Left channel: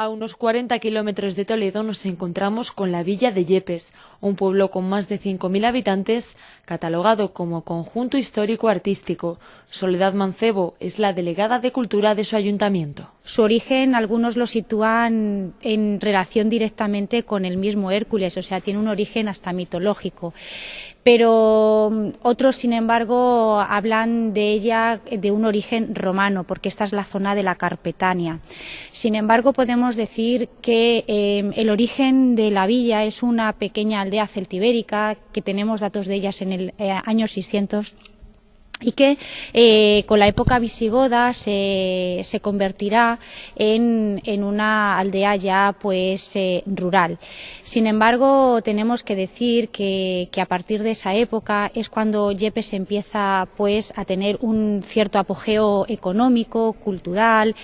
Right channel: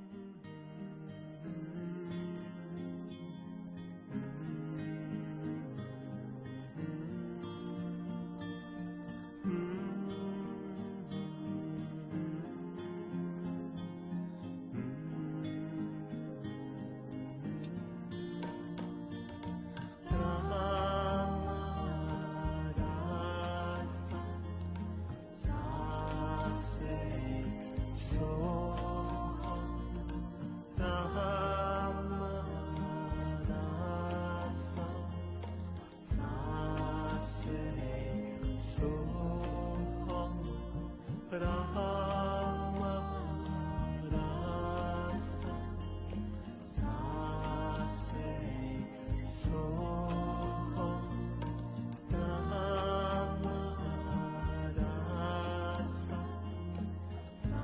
A unos 40 kilómetros de Toledo nos encontramos con la villa de Yepes, un pueblo con más de 5.000 habitantes, catalogado como conjunto histórico-artístico. Soledad Mancebo es la delegada de Cultura de su ayuntamiento. Su origen algunos lo sitúan en relación directamente con el mismo Hércules, o sea, tiene un origen hasta mitológico. Pero otros, sin embargo, hablan de ella de un origen romano, porque esta es la zona de la Carpetania. Sin embargo, podemos decir que el origen de la villa es una pequeña aldea celtibérica, que tenemos datos de ellas en el año 600, y que con la época visigoda se convertirá en una aldea ya pues rural. Sin embargo, tenemos que decir que a partir de esa época es cuando Yepes empieza pues a tener un cierto apogeo económico, cultural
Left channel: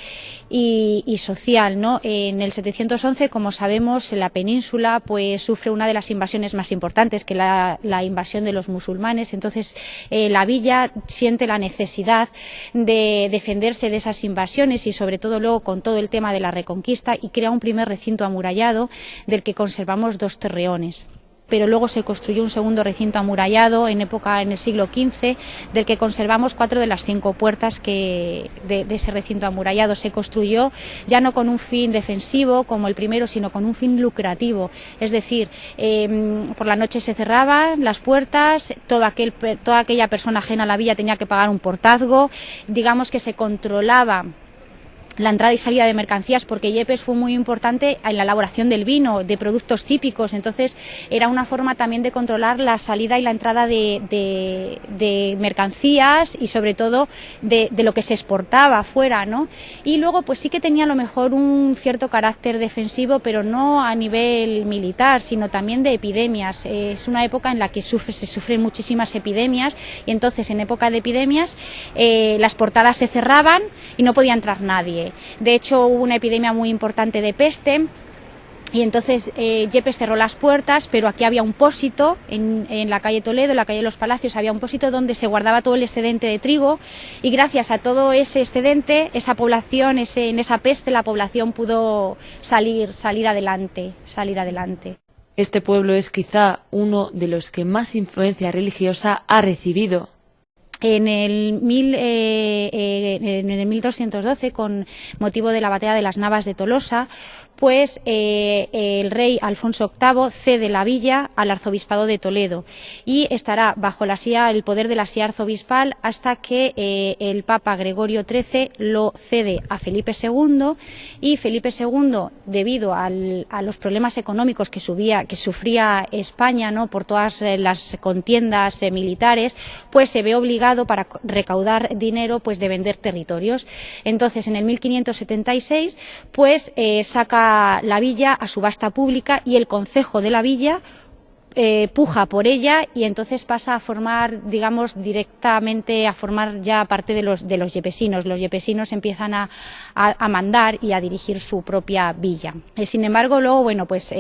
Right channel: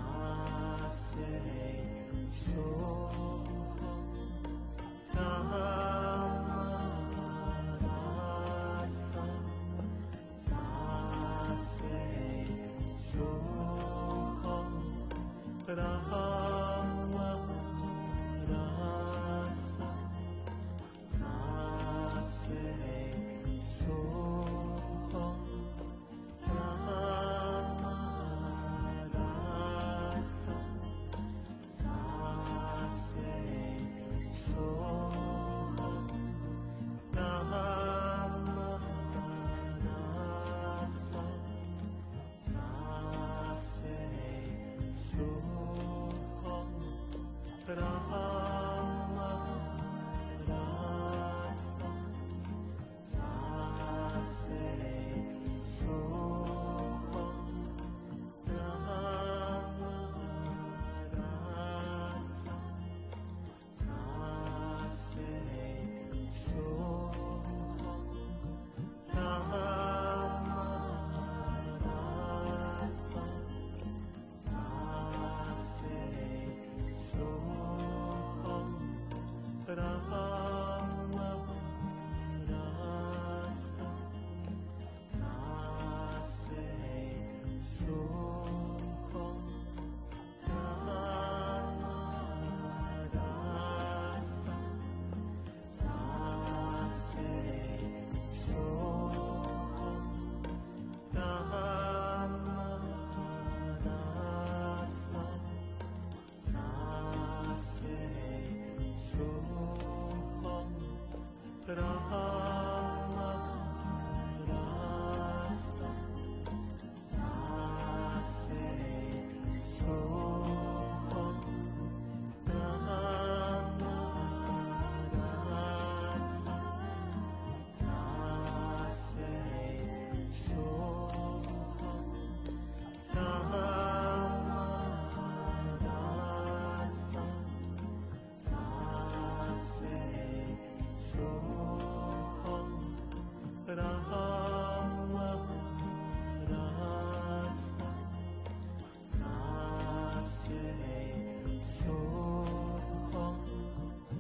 y social, ¿no? En el 711, como sabemos, la península pues sufre una de las invasiones más importantes, que la invasión de los musulmanes. Entonces la villa siente la necesidad de defenderse de esas invasiones y sobre todo luego con todo el tema de la Reconquista, y crea un primer recinto amurallado del que conservamos 2 torreones. Pero luego se construyó un segundo recinto amurallado en el siglo XV, del que conservamos 4 de las 5 puertas de ese recinto amurallado. Se construyó ya no con un fin defensivo como el primero, sino con un fin lucrativo. Es decir, por la noche se cerraban las puertas, toda aquella persona ajena a la villa tenía que pagar un portazgo. Digamos que se controlaba la entrada y salida de mercancías, porque Yepes fue muy importante en la elaboración del vino, de productos típicos. Entonces era una forma también de controlar la salida y la entrada de mercancías y sobre todo de lo que se exportaba fuera, ¿no? Y luego pues sí que tenía a lo mejor un cierto carácter defensivo, pero no a nivel militar, sino también de epidemias. Es una época en la que se sufren muchísimas epidemias, y entonces en época de epidemias las portadas se cerraban y no podía entrar nadie. De hecho, hubo una epidemia muy importante de peste y entonces Yepes cerró las puertas, pero aquí había un pósito en la calle Toledo, en la calle de los Palacios, había un pósito donde se guardaba todo el excedente de trigo, y gracias a todo ese excedente, esa población, en esa peste, la población pudo salir adelante. Este pueblo es quizá uno de los que más influencia religiosa ha recibido. En el 1212, con motivo de la batalla de las Navas de Tolosa, pues el rey Alfonso VIII cede la villa al arzobispado de Toledo y estará bajo el poder de la silla arzobispal hasta que el Papa Gregorio XIII lo cede a Felipe II, y Felipe II, debido a los problemas económicos que sufría España, ¿no?, por todas las contiendas militares, pues se ve obligado, para recaudar dinero, pues de vender territorios. Entonces en el 1576 pues saca la villa a subasta pública, y el concejo de la villa puja por ella, y entonces pasa a formar, digamos, directamente a formar ya parte de los yepesinos. Los yepesinos empiezan a mandar y a dirigir su propia villa. Sin embargo, luego, bueno, pues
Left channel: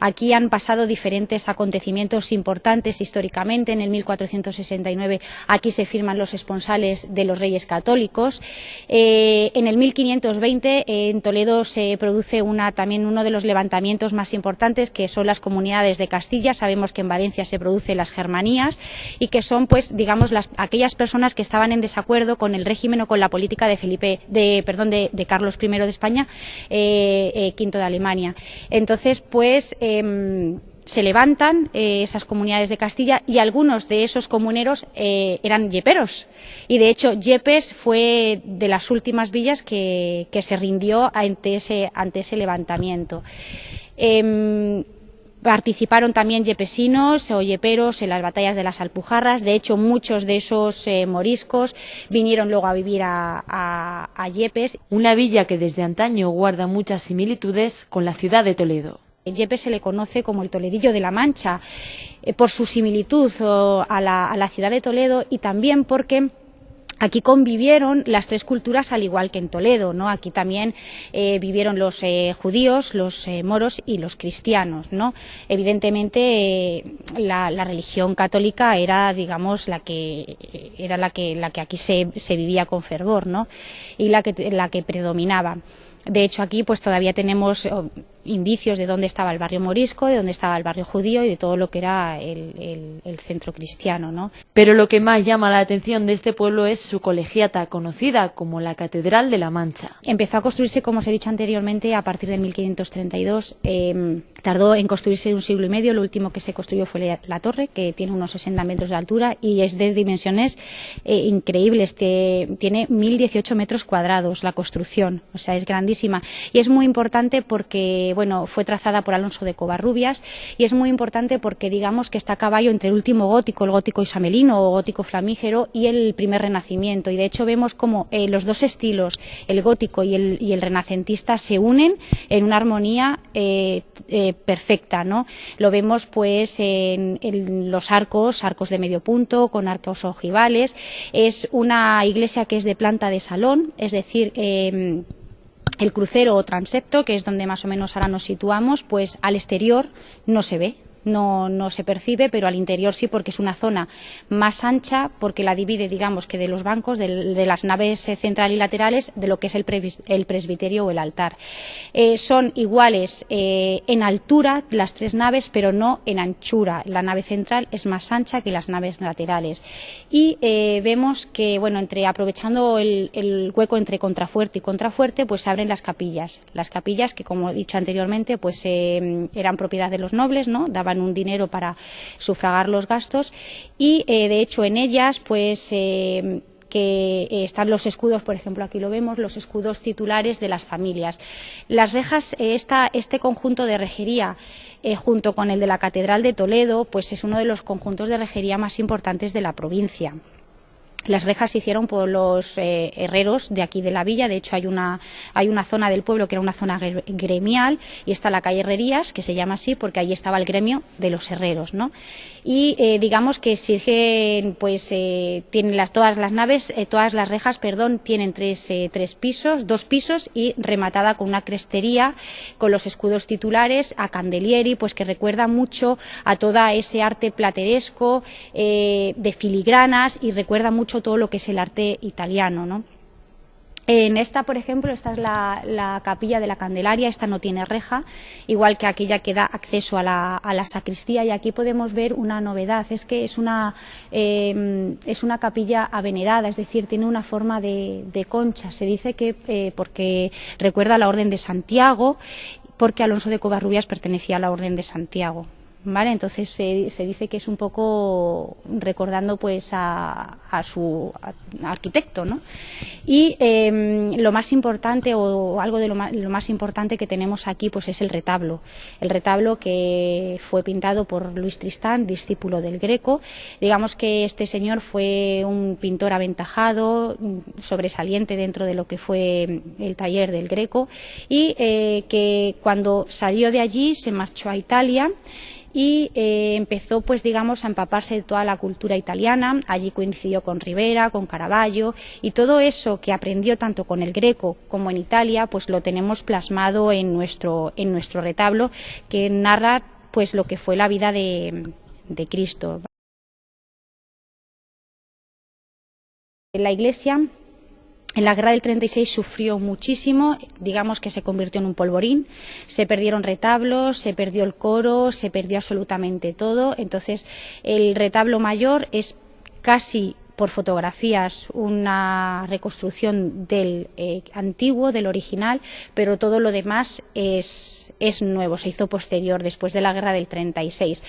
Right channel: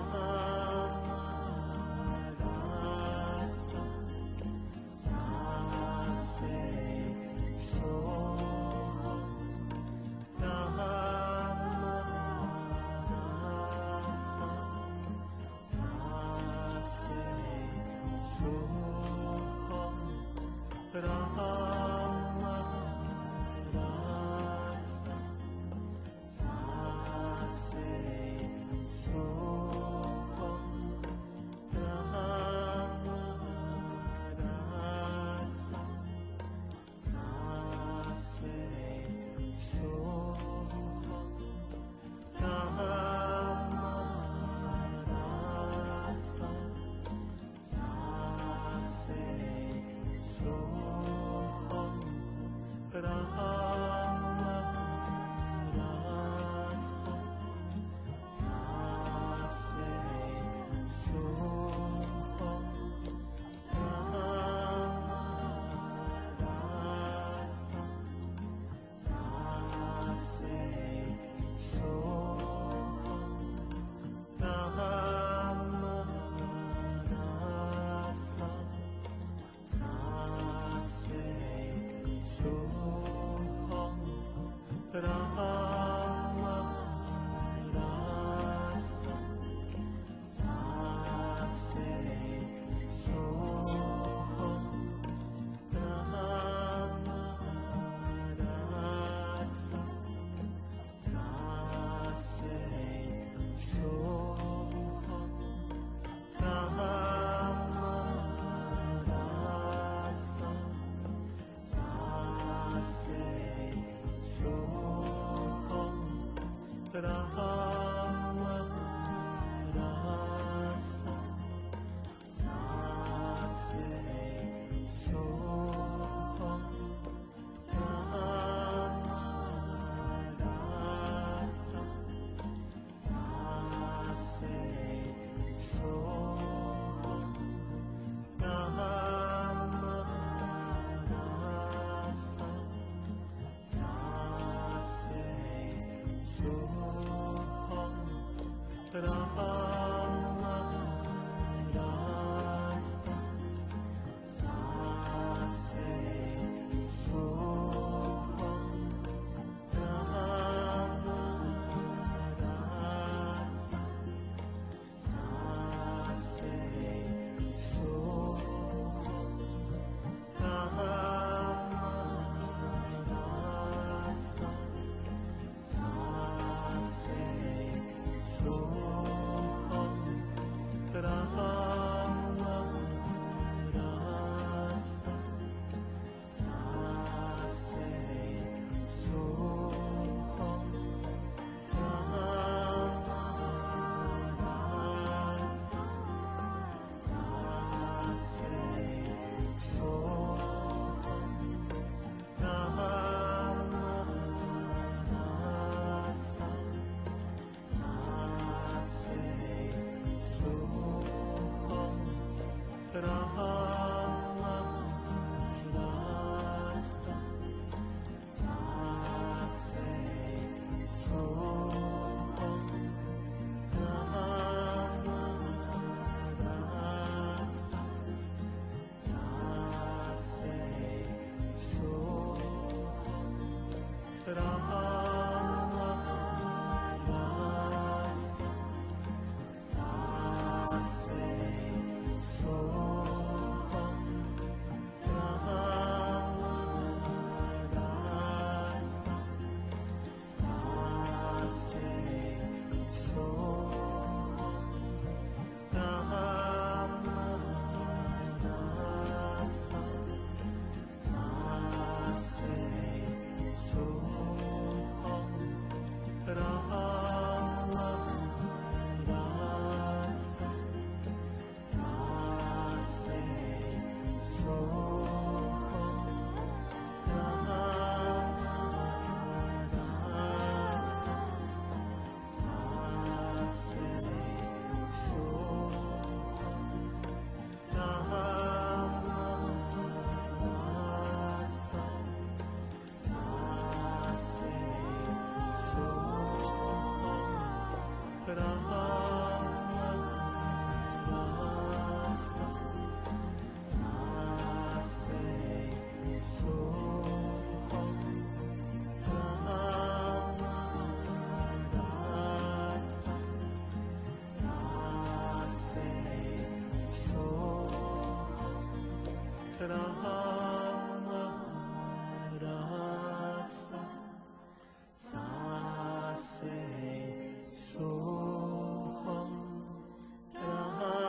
aquí han pasado diferentes acontecimientos importantes históricamente. En el 1469 aquí se firman los esponsales de los Reyes Católicos. En el 1520 en Toledo se produce también uno de los levantamientos más importantes, que son las comunidades de Castilla. Sabemos que en Valencia se producen las germanías, y que son, pues, digamos, aquellas personas que estaban en desacuerdo con el régimen o con la política de Carlos I de España, V de Alemania. Entonces, pues se levantan esas comunidades de Castilla, y algunos de esos comuneros eran yeperos, y de hecho Yepes fue de las últimas villas que se rindió ante ese levantamiento. Participaron también yepesinos o yeperos en las batallas de las Alpujarras. De hecho, muchos de esos moriscos vinieron luego a vivir a Yepes. Una villa que desde antaño guarda muchas similitudes con la ciudad de Toledo. Yepes se le conoce como el Toledillo de la Mancha, por su similitud a la ciudad de Toledo, y también porque aquí convivieron las 3 culturas, al igual que en Toledo, ¿no? Aquí también vivieron los judíos, los moros y los cristianos, ¿no? Evidentemente la religión católica era, digamos, la que aquí se vivía con fervor, ¿no?, y la que predominaba. De hecho, aquí pues todavía tenemos indicios de dónde estaba el barrio morisco, de dónde estaba el barrio judío y de todo lo que era el centro cristiano, ¿no? Pero lo que más llama la atención de este pueblo es su colegiata, conocida como la Catedral de la Mancha. Empezó a construirse, como os he dicho anteriormente, a partir de 1532. Tardó en construirse 1 siglo y medio. Lo último que se construyó fue la torre, que tiene unos 60 metros de altura y es de dimensiones increíbles. Tiene 1018 metros cuadrados la construcción, o sea, es grandísima. Y es muy importante porque bueno, fue trazada por Alonso de Covarrubias y es muy importante porque digamos que está a caballo entre el último gótico, el gótico isamelino o gótico flamígero y el primer renacimiento, y de hecho vemos como los dos estilos, el gótico y el renacentista, se unen en una armonía perfecta, ¿no? Lo vemos pues en los arcos de medio punto, con arcos ojivales. Es una iglesia que es de planta de salón, es decir, el crucero o transepto, que es donde más o menos ahora nos situamos, pues al exterior no se ve. No se percibe, pero al interior sí, porque es una zona más ancha, porque la divide, digamos, que de los bancos, de las naves central y laterales, de lo que es el presbiterio o el altar. Son iguales en altura las tres naves, pero no en anchura. La nave central es más ancha que las naves laterales. Y vemos que, bueno, aprovechando el hueco entre contrafuerte y contrafuerte, pues se abren las capillas. Las capillas que, como he dicho anteriormente, pues eran propiedad de los nobles, ¿no? Daban un dinero para sufragar los gastos y de hecho en ellas pues que están los escudos, por ejemplo aquí lo vemos, los escudos titulares de las familias. Las rejas, este conjunto de rejería junto con el de la Catedral de Toledo, pues es uno de los conjuntos de rejería más importantes de la provincia. Las rejas se hicieron por los herreros de aquí de la villa. De hecho hay una zona del pueblo que era una zona gremial y está la calle Herrerías, que se llama así porque allí estaba el gremio de los herreros, ¿no? Y digamos que sirven, pues tienen todas las naves, todas las rejas, perdón, tienen tres pisos, 2 pisos y rematada con una crestería con los escudos titulares, a candelieri, pues que recuerda mucho a todo ese arte plateresco de filigranas y recuerda mucho todo lo que es el arte italiano, ¿no? En esta, por ejemplo, esta es la capilla de la Candelaria. Esta no tiene reja, igual que aquella que da acceso a la sacristía, y aquí podemos ver una novedad, es que es una capilla avenerada, es decir, tiene una forma de concha. Se dice que porque recuerda a la Orden de Santiago, porque Alonso de Covarrubias pertenecía a la Orden de Santiago. ¿Vale? Entonces se dice que es un poco recordando pues a su arquitecto, ¿no? Y lo más importante, o algo de lo más importante que tenemos aquí, pues es el retablo que fue pintado por Luis Tristán, discípulo del Greco. Digamos que este señor fue un pintor aventajado, sobresaliente dentro de lo que fue el taller del Greco, y que cuando salió de allí se marchó a Italia y empezó pues digamos a empaparse de toda la cultura italiana. Allí coincidió con Rivera, con Caravaggio, y todo eso que aprendió tanto con el Greco como en Italia pues lo tenemos plasmado en nuestro retablo, que narra pues lo que fue la vida de Cristo. La iglesia en la guerra del 36 sufrió muchísimo, digamos que se convirtió en un polvorín, se perdieron retablos, se perdió el coro, se perdió absolutamente todo. Entonces el retablo mayor es casi por fotografías una reconstrucción del antiguo, del original, pero todo lo demás es nuevo, se hizo posterior, después de la guerra del 36.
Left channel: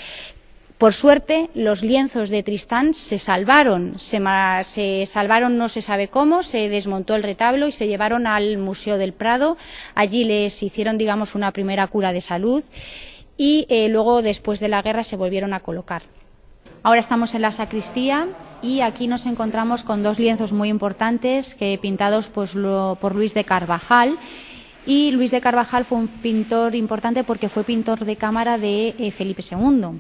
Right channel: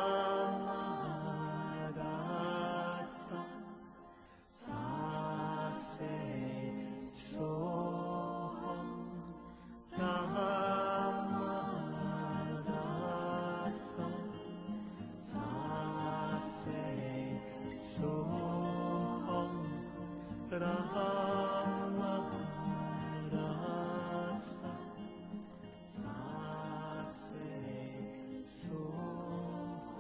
Por suerte, los lienzos de Tristán se salvaron, no se sabe cómo, se desmontó el retablo y se llevaron al Museo del Prado. Allí les hicieron, digamos, una primera cura de salud y luego, después de la guerra, se volvieron a colocar. Ahora estamos en la sacristía y aquí nos encontramos con 2 lienzos muy importantes pintados pues, por Luis de Carvajal. Y Luis de Carvajal fue un pintor importante porque fue pintor de cámara de Felipe II.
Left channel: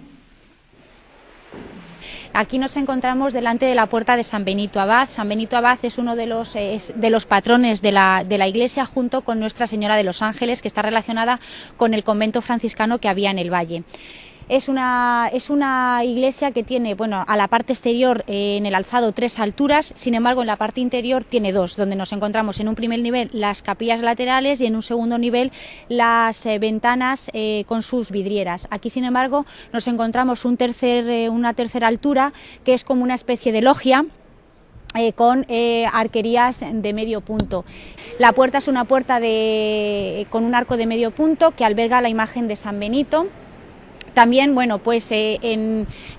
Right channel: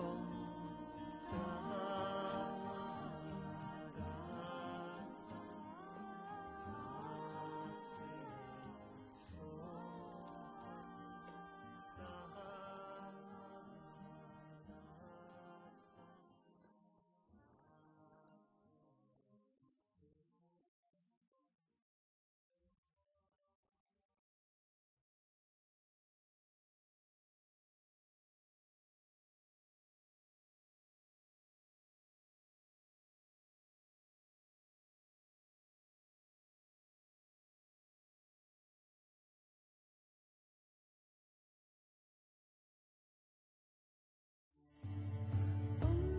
Aquí nos encontramos delante de la puerta de San Benito Abad. San Benito Abad es uno de los patrones de la iglesia, junto con Nuestra Señora de los Ángeles, que está relacionada con el convento franciscano que había en el valle. Es una iglesia que tiene, bueno, a la parte exterior en el alzado 3 alturas, sin embargo en la parte interior tiene 2, donde nos encontramos en un primer nivel las capillas laterales y en un segundo nivel las ventanas con sus vidrieras. Aquí, sin embargo, nos encontramos una tercera altura que es como una especie de logia, con arquerías de medio punto. La puerta es una puerta con un arco de medio punto que alberga la imagen de San Benito. También, bueno, pues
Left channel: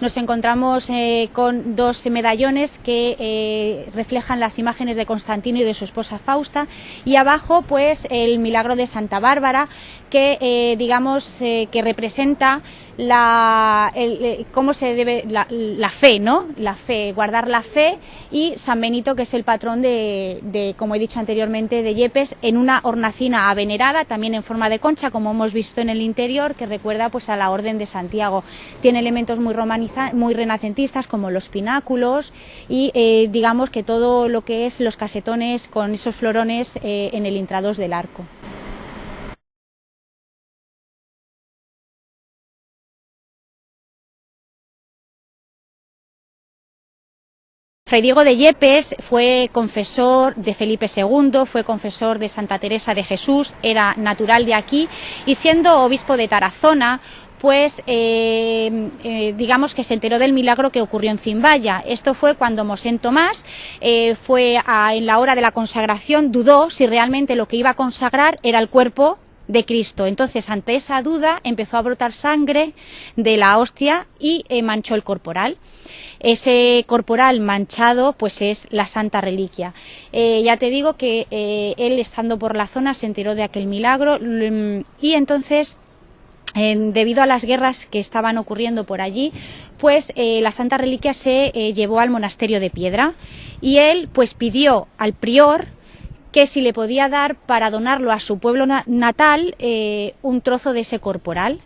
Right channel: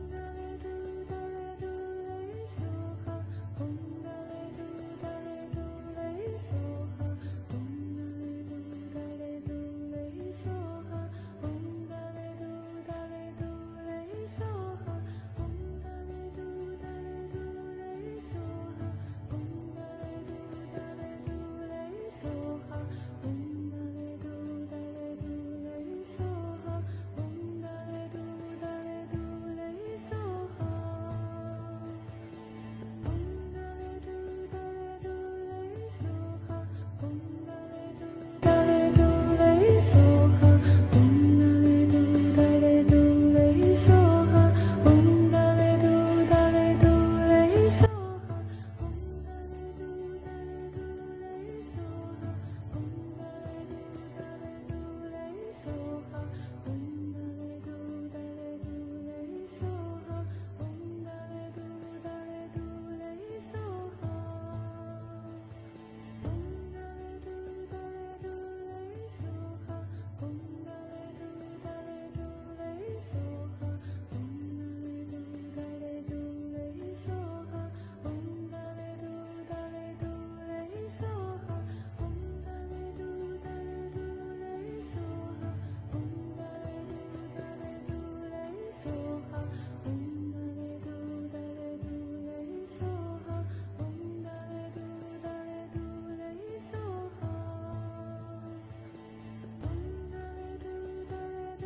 nos encontramos con 2 medallones que reflejan las imágenes de Constantino y de su esposa Fausta, y abajo pues el milagro de Santa Bárbara, que digamos que representa cómo se debe la fe, ¿no? La fe, guardar la fe, y San Benito, que es el patrón de, como he dicho anteriormente, de Yepes, en una hornacina avenerada, también en forma de concha, como hemos visto en el interior, que recuerda pues a la Orden de Santiago. Tiene elementos muy renacentistas, como los pináculos y digamos que todo lo que es los casetones con esos florones en el intradós del arco. Fray Diego de Yepes fue confesor de Felipe II, fue confesor de Santa Teresa de Jesús, era natural de aquí, y siendo obispo de Tarazona, pues digamos que se enteró del milagro que ocurrió en Zimbaya. Esto fue cuando Mosén Tomás en la hora de la consagración dudó si realmente lo que iba a consagrar era el cuerpo de Cristo. Entonces, ante esa duda, empezó a brotar sangre de la hostia y manchó el corporal. Ese corporal manchado pues es la Santa Reliquia. Ya te digo que él, estando por la zona, se enteró de aquel milagro, y entonces, debido a las guerras que estaban ocurriendo por allí, pues la Santa Reliquia se llevó al monasterio de Piedra, y él pues pidió al prior que si le podía dar para donarlo a su pueblo natal un trozo de ese corporal.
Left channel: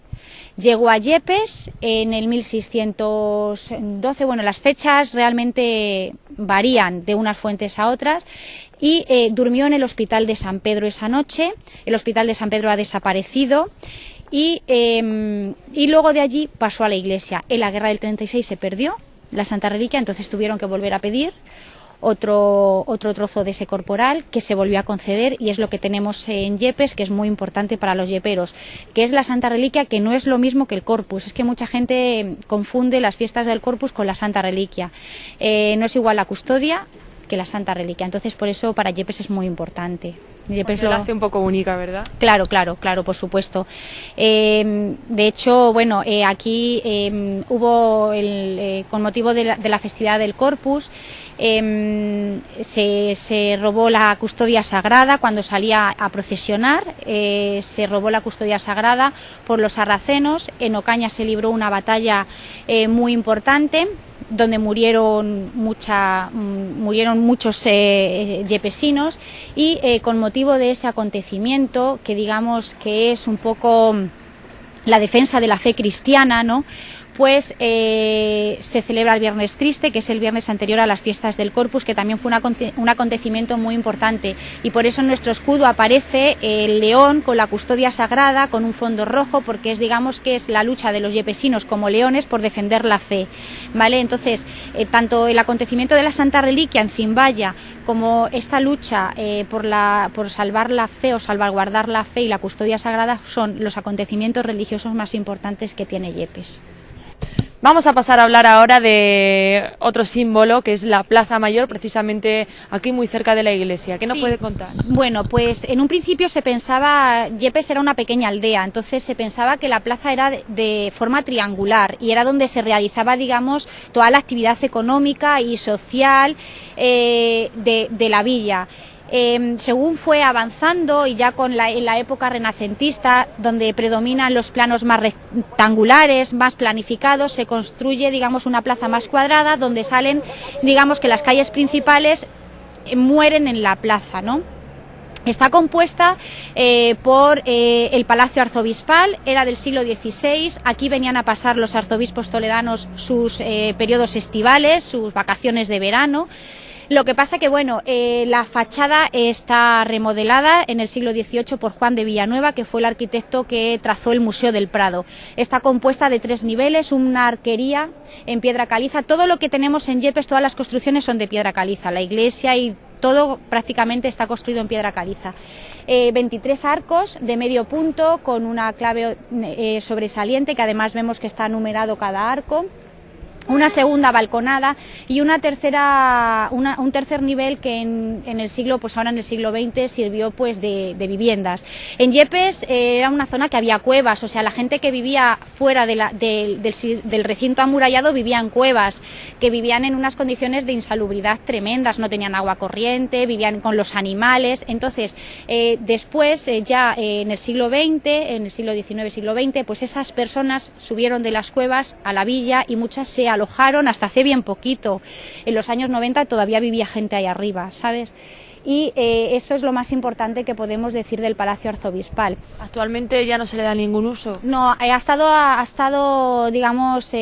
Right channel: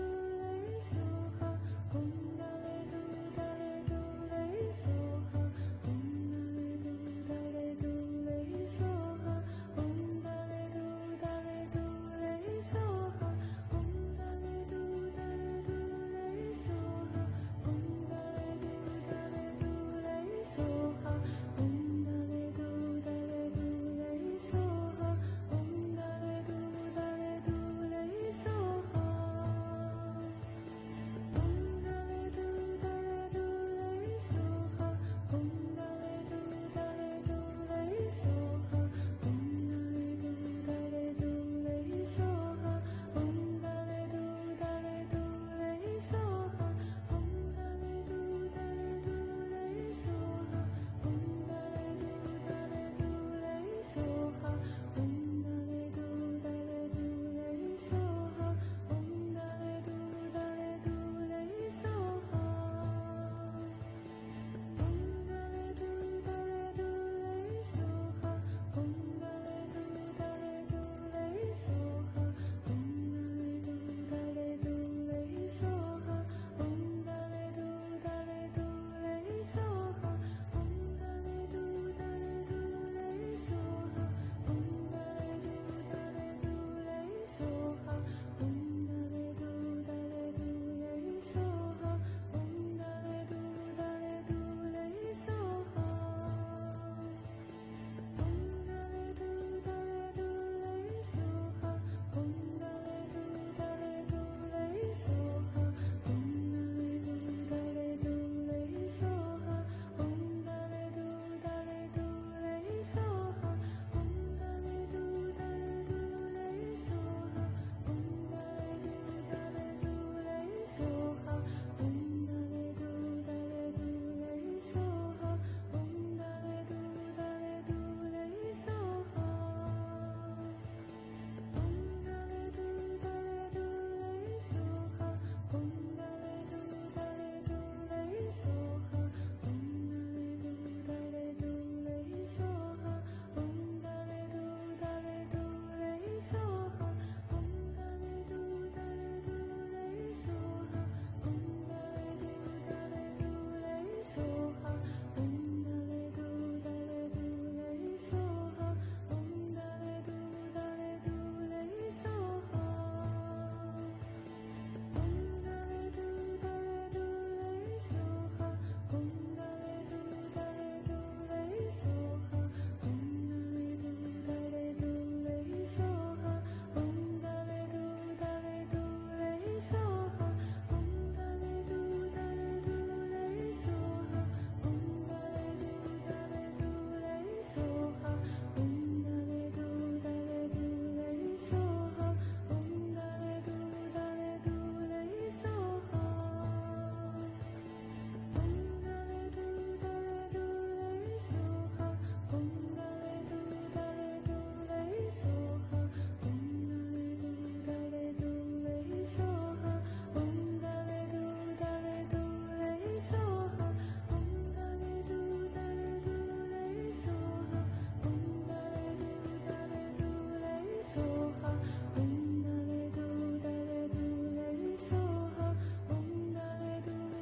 Llegó a Yepes en el 1612, bueno, las fechas realmente varían de unas fuentes a otras, y durmió en el Hospital de San Pedro esa noche. El Hospital de San Pedro ha desaparecido, y luego de allí pasó a la iglesia. En la guerra del 36 se perdió la Santa Reliquia, entonces tuvieron que volver a pedir otro trozo de ese corporal, que se volvió a conceder, y es lo que tenemos en Yepes, que es muy importante para los yeperos, que es la Santa Reliquia, que no es lo mismo que el Corpus. Es que mucha gente confunde las fiestas del Corpus con la Santa Reliquia. No es igual la custodia que la Santa Reliquia, entonces por eso para Yepes es muy importante. Yepes lo hace un poco única, ¿verdad? Claro, por supuesto. De hecho, bueno, aquí hubo, con motivo de la festividad del Corpus, se robó la custodia sagrada cuando salía a procesionar, se robó la custodia sagrada por los sarracenos. En Ocaña se libró una batalla muy importante, donde murieron muchos yepesinos, y con motivo de ese acontecimiento, que digamos que es un poco la defensa de la fe cristiana, ¿no?, pues se celebra el Viernes Triste, que es el viernes anterior a las fiestas del Corpus, que también fue un acontecimiento muy importante, y por eso en nuestro escudo aparece el león con la custodia sagrada, con un fondo rojo, porque digamos que es la lucha de los yepesinos como leones por defender la fe, ¿vale? Entonces, tanto el acontecimiento de la Santa Reliquia en Zimbaya como esta lucha por salvar la fe o salvaguardar la fe y la custodia sagrada son los acontecimientos religiosos más importantes que tiene Yepes. Vamos a pasar a hablar ahora de otro símbolo, que es la Plaza Mayor, precisamente aquí muy cerca de la iglesia. ¿Qué nos puede contar? Bueno, pues en un principio se pensaba, Yepes era una pequeña aldea, entonces se pensaba que la plaza era de forma triangular, y era donde se realizaba, digamos, toda la actividad económica y social de la villa. Según fue avanzando, y ya en la época renacentista, donde predominan los planos más rectangulares, más planificados, se construye, digamos, una plaza más cuadrada, donde salen, digamos, que las calles principales mueren en la plaza, ¿no? Está compuesta por el Palacio Arzobispal, era del siglo XVI, aquí venían a pasar los arzobispos toledanos sus periodos estivales, sus vacaciones de verano. Lo que pasa que, bueno, la fachada está remodelada en el siglo XVIII por Juan de Villanueva, que fue el arquitecto que trazó el Museo del Prado. Está compuesta de 3 niveles, una arquería en piedra caliza. Todo lo que tenemos en Yepes, todas las construcciones son de piedra caliza. La iglesia y todo prácticamente está construido en piedra caliza. 23 arcos de medio punto con una clave sobresaliente, que además vemos que está numerado cada arco. Una segunda balconada y un tercer nivel que en el siglo, pues ahora en el siglo XX sirvió pues de viviendas. En Yepes era una zona que había cuevas, o sea, la gente que vivía fuera del recinto amurallado vivía en cuevas, que vivían en unas condiciones de insalubridad tremendas, no tenían agua corriente, vivían con los animales. Entonces, después, ya en el siglo XX, en el siglo XIX, siglo XX, pues esas personas subieron de las cuevas a la villa y muchas se alojaron hasta hace bien poquito. En los años 90 todavía vivía gente ahí arriba, ¿sabes? Y eso es lo más importante que podemos decir del Palacio Arzobispal. ¿Actualmente ya no se le da ningún uso? No, ha estado digamos,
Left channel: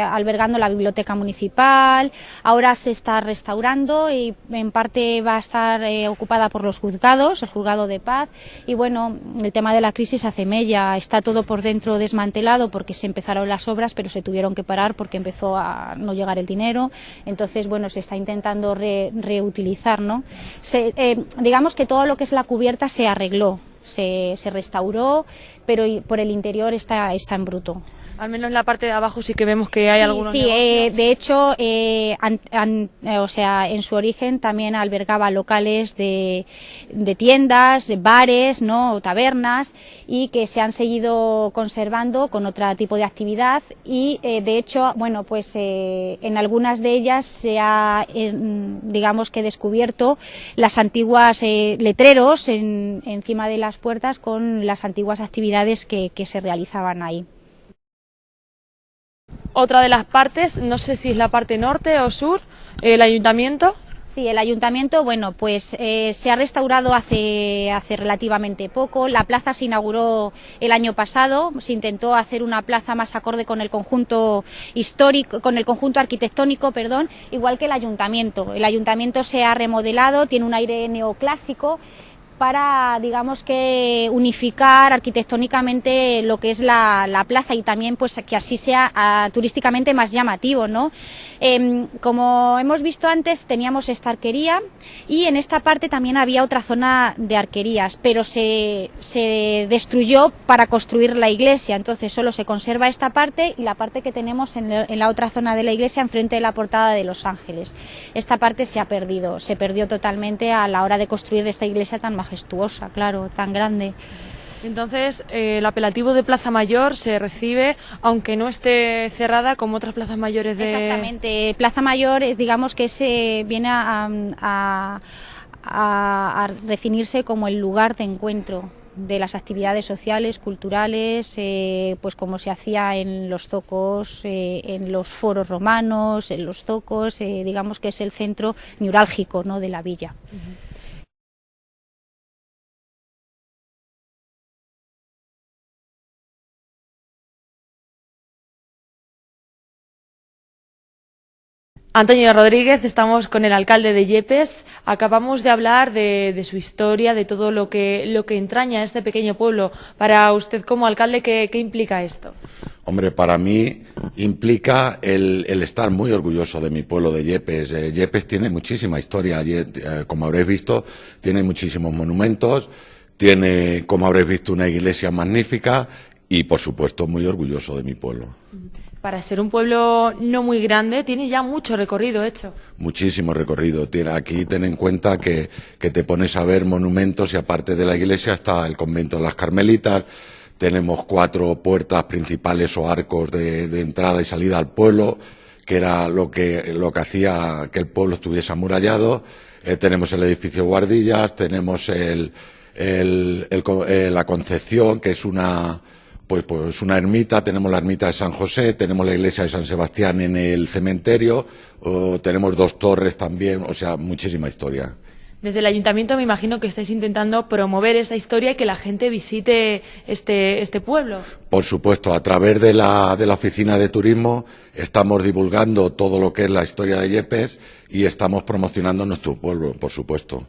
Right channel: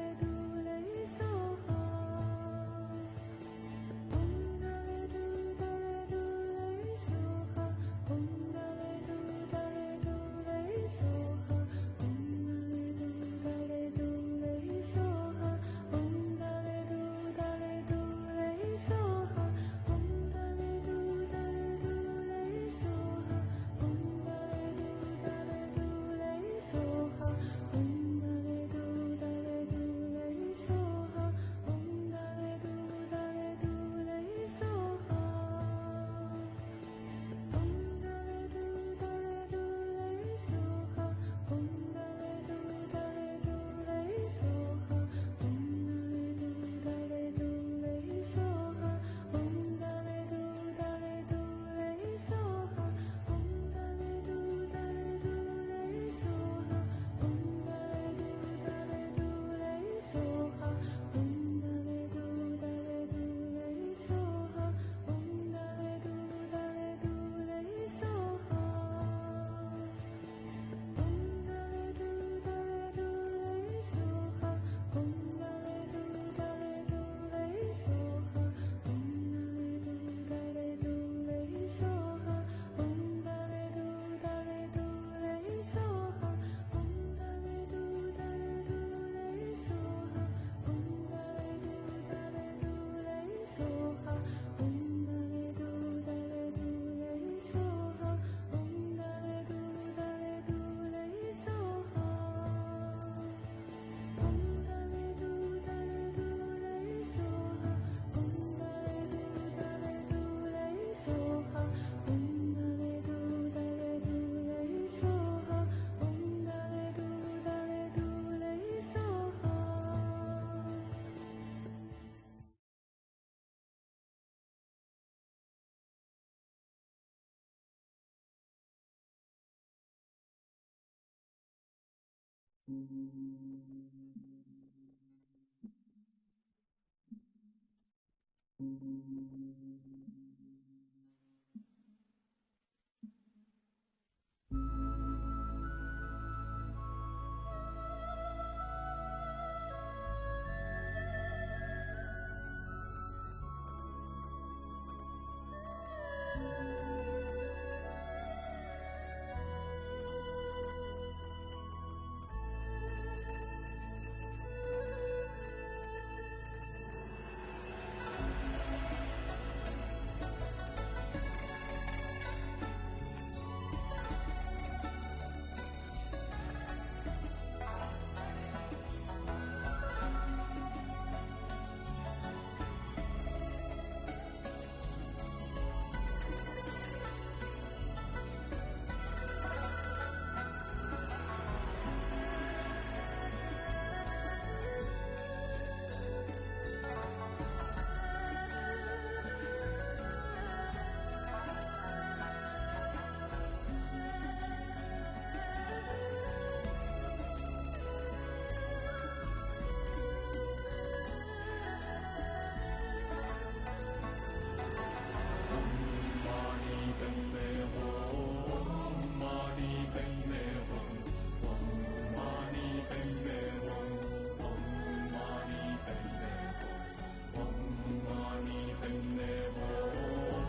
albergando la biblioteca municipal, ahora se está restaurando y en parte va a estar ocupada por los juzgados, el juzgado de paz, y bueno, el tema de la crisis hace mella, está todo por dentro desmantelado porque se empezaron las obras, pero se tuvieron que parar porque empezó a no llegar el dinero, entonces bueno, se está intentando reutilizar, ¿no? Digamos que todo lo que es la cubierta se arregló, se restauró, pero por el interior está en bruto. Al menos en la parte de abajo sí que vemos que hay algunos. Sí, de hecho, o sea, en su origen también albergaba locales de tiendas, bares, ¿no? Tabernas, y que se han seguido conservando con otro tipo de actividad y de hecho, bueno, pues en algunas de ellas se ha, digamos que descubierto las antiguas letreros encima de las puertas con las antiguas actividades que se realizaban ahí. Otra de las partes, no sé si es la parte norte o sur, el ayuntamiento. Sí, el ayuntamiento, bueno, pues se ha restaurado hace relativamente poco. La plaza se inauguró el año pasado, se intentó hacer una plaza más acorde con el conjunto histórico, con el conjunto arquitectónico, perdón, igual que el ayuntamiento. El ayuntamiento se ha remodelado, tiene un aire neoclásico para, digamos que, unificar arquitectónicamente lo que es la plaza y también pues que así sea turísticamente más llamativo, ¿no? Como hemos visto antes, teníamos esta arquería y en esta parte también había otra zona de arquerías, pero se destruyó para construir la iglesia, entonces solo se conserva esta parte y la parte que tenemos en la otra zona de la iglesia, enfrente de la portada de Los Ángeles. Esta parte se perdió totalmente a la hora de construir esta iglesia tan majestuosa, claro, tan grande. Entonces, el apelativo de Plaza Mayor se recibe, aunque no esté cerrada como otras plazas mayores de... Exactamente, Plaza Mayor es, digamos que viene a definirse como el lugar de encuentro de las actividades sociales, culturales, pues como se hacía en los zocos, en los foros romanos, en los zocos, digamos que es el centro neurálgico, ¿no?, de la villa. Antonio Rodríguez, estamos con el alcalde de Yepes. Acabamos de hablar de su historia, de todo lo que entraña este pequeño pueblo. Para usted como alcalde, ¿qué implica esto? Hombre, para mí implica el estar muy orgulloso de mi pueblo de Yepes. Yepes tiene muchísima historia, como habréis visto, tiene muchísimos monumentos, tiene, como habréis visto, una iglesia magnífica y, por supuesto, muy orgulloso de mi pueblo. Para ser un pueblo no muy grande, tiene ya mucho recorrido hecho. Muchísimo recorrido. Aquí ten en cuenta que te pones a ver monumentos y aparte de la iglesia está el convento de las Carmelitas. Tenemos 4 puertas principales o arcos de entrada y salida al pueblo, que era lo que hacía que el pueblo estuviese amurallado. Tenemos el edificio Guardillas, tenemos la Concepción, que es una ermita, tenemos la ermita de San José, tenemos la iglesia de San Sebastián en el cementerio, tenemos 2 torres también, o sea, muchísima historia. Desde el ayuntamiento me imagino que estáis intentando promover esta historia y que la gente visite este pueblo. Por supuesto, a través de la oficina de turismo estamos divulgando todo lo que es la historia de Yepes y estamos promocionando nuestro pueblo, por supuesto.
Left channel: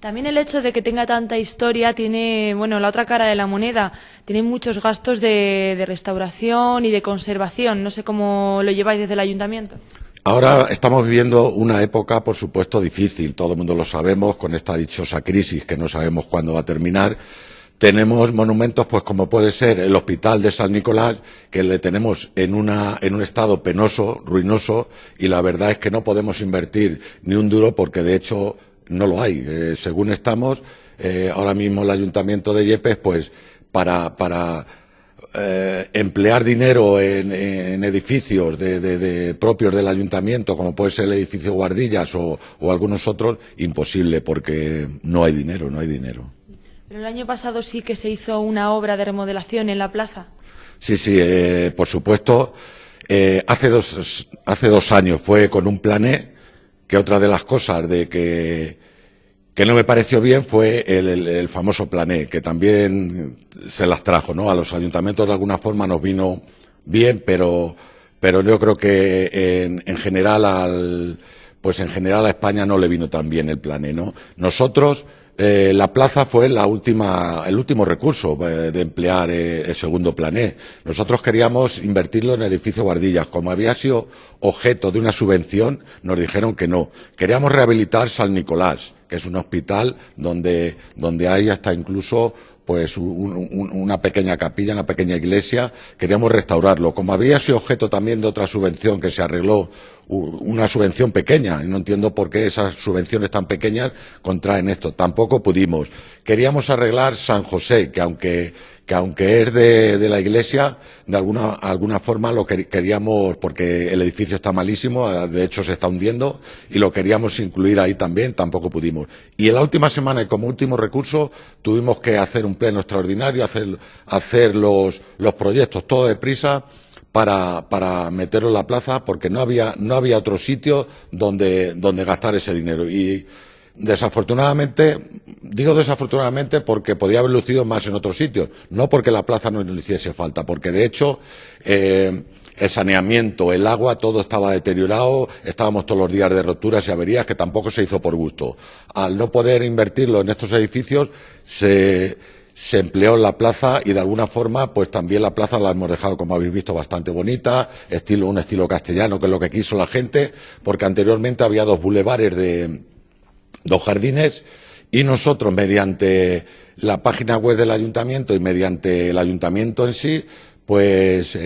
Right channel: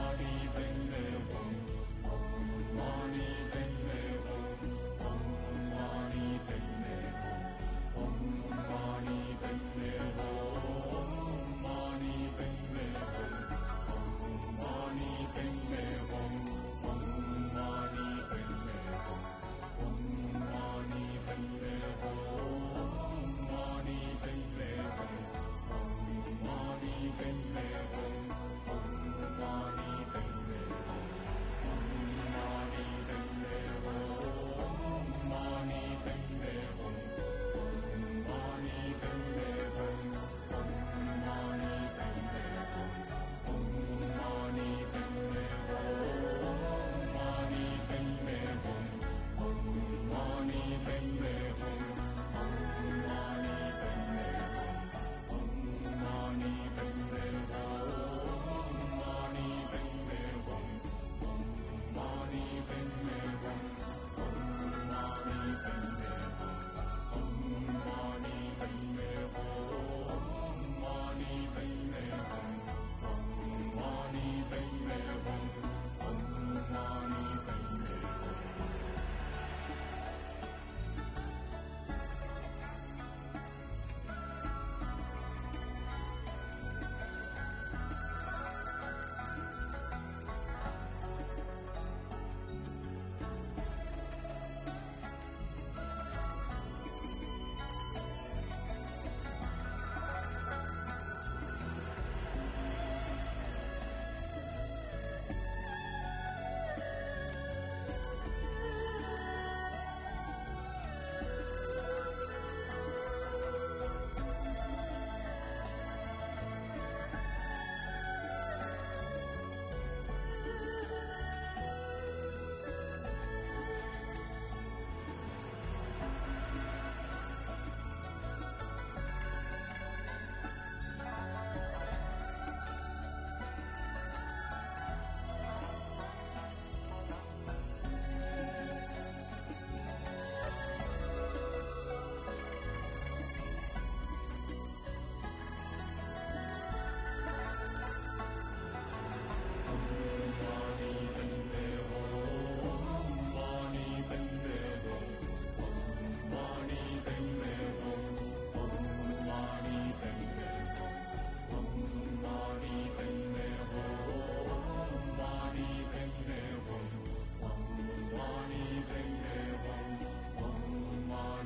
También el hecho de que tenga tanta historia tiene, bueno, la otra cara de la moneda, tiene muchos gastos de restauración y de conservación. No sé cómo lo lleváis desde el ayuntamiento. Ahora estamos viviendo una época, por supuesto, difícil, todo el mundo lo sabemos, con esta dichosa crisis que no sabemos cuándo va a terminar. Tenemos monumentos, pues como puede ser el Hospital de San Nicolás, que le tenemos en un estado penoso, ruinoso, y la verdad es que no podemos invertir ni un duro porque de hecho no lo hay. Según estamos, ahora mismo el Ayuntamiento de Yepes, pues para emplear dinero en edificios propios del ayuntamiento, como puede ser el edificio Guardillas o algunos otros, imposible porque no hay dinero. El año pasado sí que se hizo una obra de remodelación en la plaza. Sí, por supuesto. Hace 2 años fue con un plané, que otra de las cosas que no me pareció bien fue el famoso plané, que también se las trajo, ¿no? A los ayuntamientos de alguna forma nos vino bien, pero yo creo que en general a España no le vino tan bien el plané, ¿no? Nosotros, la plaza fue el último recurso de emplear el segundo plané. Nosotros queríamos invertirlo en el edificio Guardillas. Como había sido objeto de una subvención, nos dijeron que no. Queríamos rehabilitar San Nicolás, que es un hospital donde hay hasta incluso pues una pequeña capilla, una pequeña iglesia. Queríamos restaurarlo. Como había sido objeto también de otra subvención que se arregló, una subvención pequeña, y no entiendo por qué esas subvenciones tan pequeñas contraen esto. Tampoco pudimos. Queríamos arreglar San José, que aunque es de la iglesia, de alguna forma lo queríamos, porque el edificio está malísimo, de hecho se está hundiendo, y lo queríamos incluir ahí también, tampoco pudimos. Y en la última semana, y como último recurso, tuvimos que hacer un pleno extraordinario, hacer los proyectos todo deprisa, para meterlo en la plaza, porque no había otro sitio donde gastar ese dinero. Y desafortunadamente, digo desafortunadamente porque podía haber lucido más en otros sitios, no porque la plaza no le hiciese falta, porque de hecho el saneamiento, el agua, todo estaba deteriorado, estábamos todos los días de roturas y averías, que tampoco se hizo por gusto. Al no poder invertirlo en estos edificios, se empleó en la plaza, y de alguna forma pues también la plaza la hemos dejado, como habéis visto, bastante bonita, un estilo castellano, que es lo que quiso la gente, porque anteriormente había 2 bulevares de 2 jardines, y nosotros, mediante la página web del ayuntamiento y mediante el ayuntamiento en sí, pues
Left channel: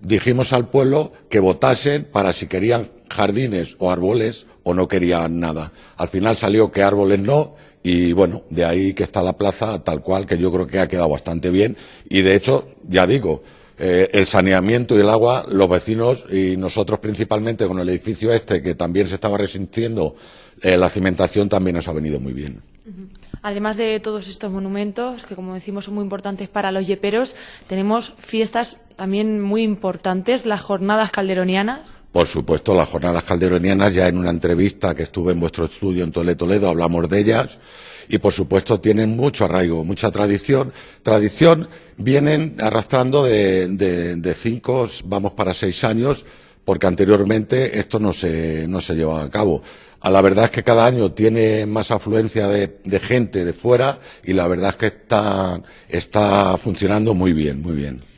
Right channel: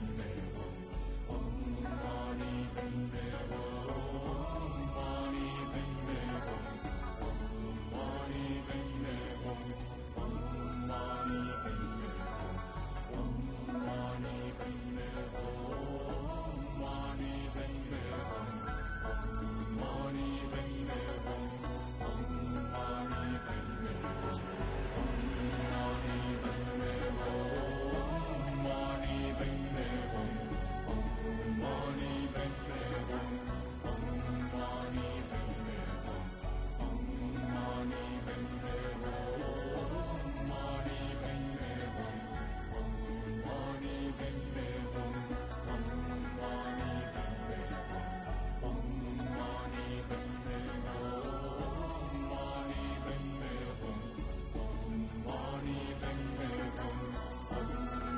dijimos al pueblo que votasen para si querían jardines o árboles o no querían nada. Al final salió que árboles no. Y bueno, de ahí que está la plaza tal cual, que yo creo que ha quedado bastante bien. Y de hecho, ya digo, el saneamiento y el agua, los vecinos y nosotros principalmente con el edificio que también se estaba resintiendo, la cimentación también nos ha venido muy bien. Además de todos estos monumentos, que como decimos son muy importantes para los yeperos, tenemos fiestas también muy importantes, las jornadas calderonianas. Por supuesto, las jornadas calderonianas, ya en una entrevista que estuve en vuestro estudio en Toledo hablamos de ellas, y por supuesto tienen mucho arraigo, mucha tradición. Vienen arrastrando de 5, vamos para 6 años, porque anteriormente esto no se llevaba a cabo. La verdad es que cada año tiene más afluencia de gente de fuera, y la verdad es que está funcionando muy bien, muy bien.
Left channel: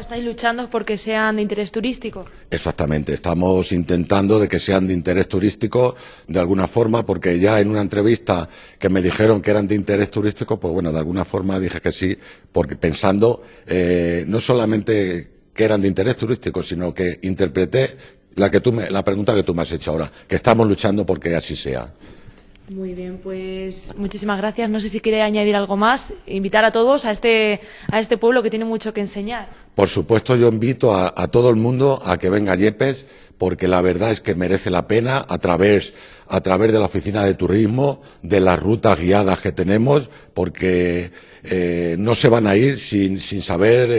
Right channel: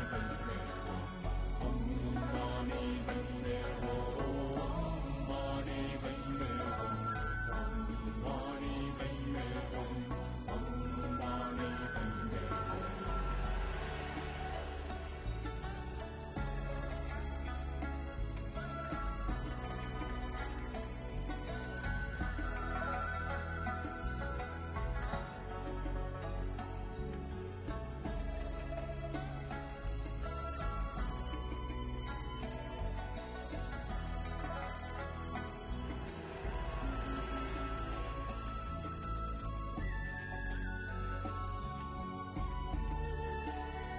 ¿Estáis luchando porque sean de interés turístico? Exactamente, estamos intentando de que sean de interés turístico de alguna forma, porque ya en una entrevista que me dijeron que eran de interés turístico, pues bueno, de alguna forma dije que sí, porque pensando no solamente que eran de interés turístico, sino que interpreté la pregunta que tú me has hecho ahora, que estamos luchando porque así sea. Muy bien, pues muchísimas gracias. No sé si quiere añadir algo más, invitar a todos a este pueblo que tiene mucho que enseñar. Por supuesto, yo invito a todo el mundo a que venga a Yepes, porque la verdad es que merece la pena, a través de la oficina de turismo, de las rutas guiadas que tenemos, porque no se van a ir sin saber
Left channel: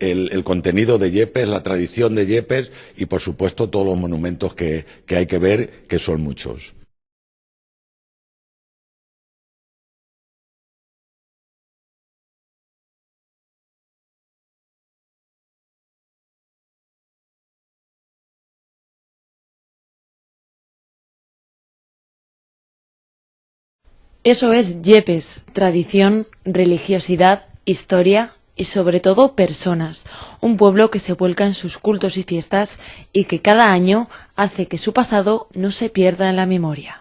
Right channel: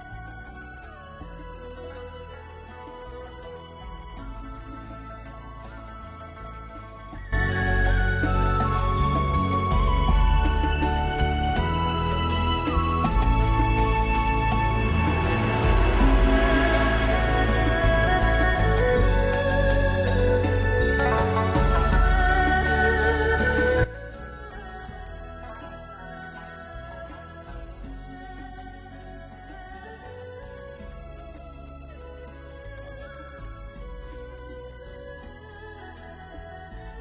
el contenido de Yepes, la tradición de Yepes, y por supuesto todos los monumentos que hay que ver, que son muchos. Eso es Yepes, tradición, religiosidad, historia y sobre todo personas, un pueblo que se vuelca en sus cultos y fiestas y que cada año hace que su pasado no se pierda en la memoria.